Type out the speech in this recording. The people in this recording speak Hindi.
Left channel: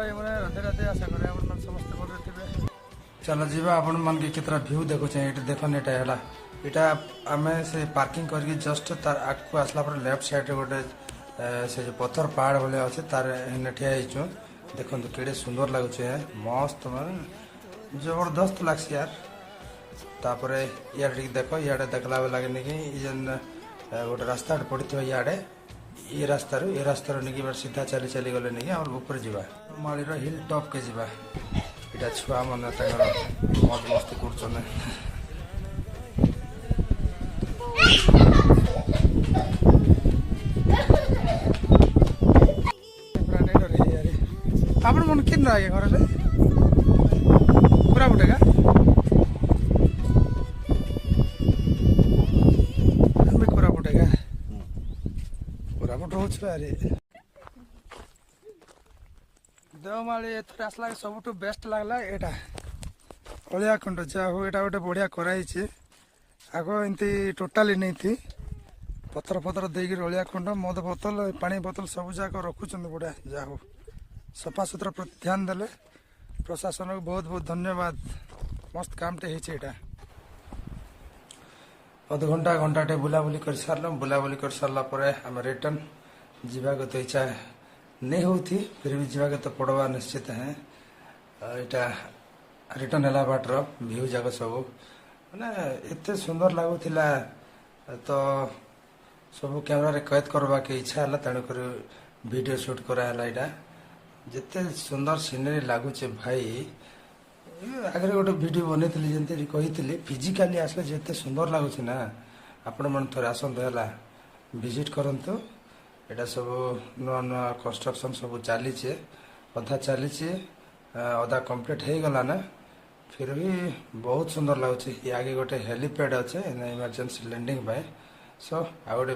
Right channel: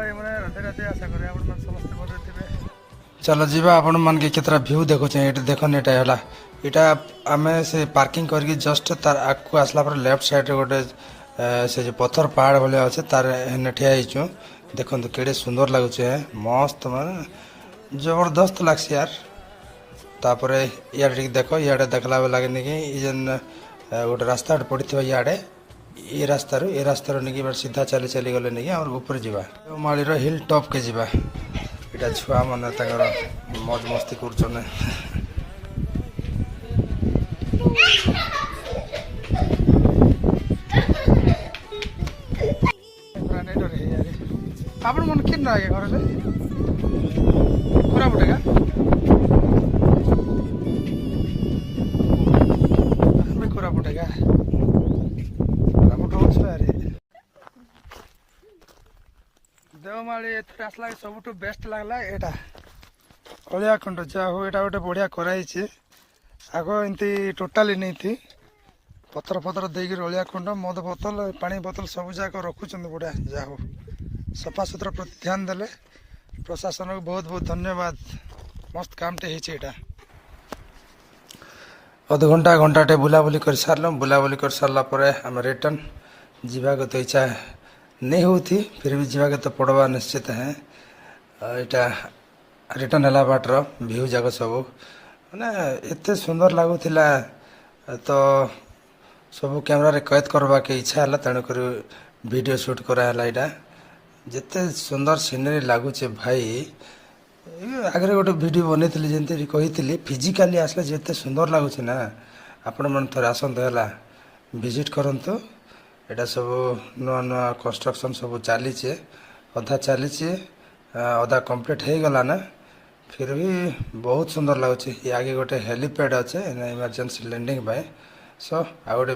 भाई मैंने राधे राधे आशा करें आप समस्त भल थे। चलो जीवा आपण मन के केतरा व्यू देखो ये देखन एटा होला एटा आमे से पार्किंग करके जस्ट तार आगु आसला पर लेफ्ट साइड रे गोटे से जो पत्थर पहाड़ भले अच्छे तार एने ठिया होइछु देखन केड़े सुंदर लागुचे मस्त माने जबरदस्त लागस यार। तापरे यार देखो इे देखला लगे कि जेन गोटे रास्ता पड़ी थी इे ये रास्तार नहीं बार सीधा चली चली गले नहीं और ऊपर जावा माली हिल टॉप के जावा इटा छुआ मैंने मौज मस्ती कर आपण मन किन आगे घर में पूरा बुटेगा देवमाली एथर आसला सब बेस्ट लगला एटा अलिया खंड जा हो एटा गोटे बढ़िया कराई आग एमती टोटाली नहीं थी पतर पतर देकर अलिया खंड मद बोतल पानी बोतल सब जाक रखुच्च बढ़िया जा हो सफा सुतरा प्रति ध्यान देले प्रशासन को बहुत बहुत धन्यवाद मस्त कामटे होटा अध घंटा घंटाटे बुलाबुली कर सारल बुलाबुली कर सारा पर आम रिटर्न जीवा तो इच्छा नहीं होती फिर भी जीवा तो पड़वा निश्चित है यहाँ रिटर्न है बाटर व्यू जाक सब मैंने एत सुंदर लगुला तो सब कैमरा रे कैद करवा के इच्छा है तेणुक वीडियो शूट कराला यहाँ जिते सुंदर सीनरी लगुचे भाई आगे गोटे वीडियो बनई जमी कही फिजिकाली आसले जिते सुंदर लगुच ना आपण मन थे आसतु है विजिट करंतु एटा सब नुआ नुआ कंस्ट्रक्शन सब चली अधा चली अधा कंप्लीट हो गला ना फिर भी बहुत सुंदर लगुच आगे गोटे हेलीपैड अच्छे इमरजेंसी लैंडिंग सो आ गोटे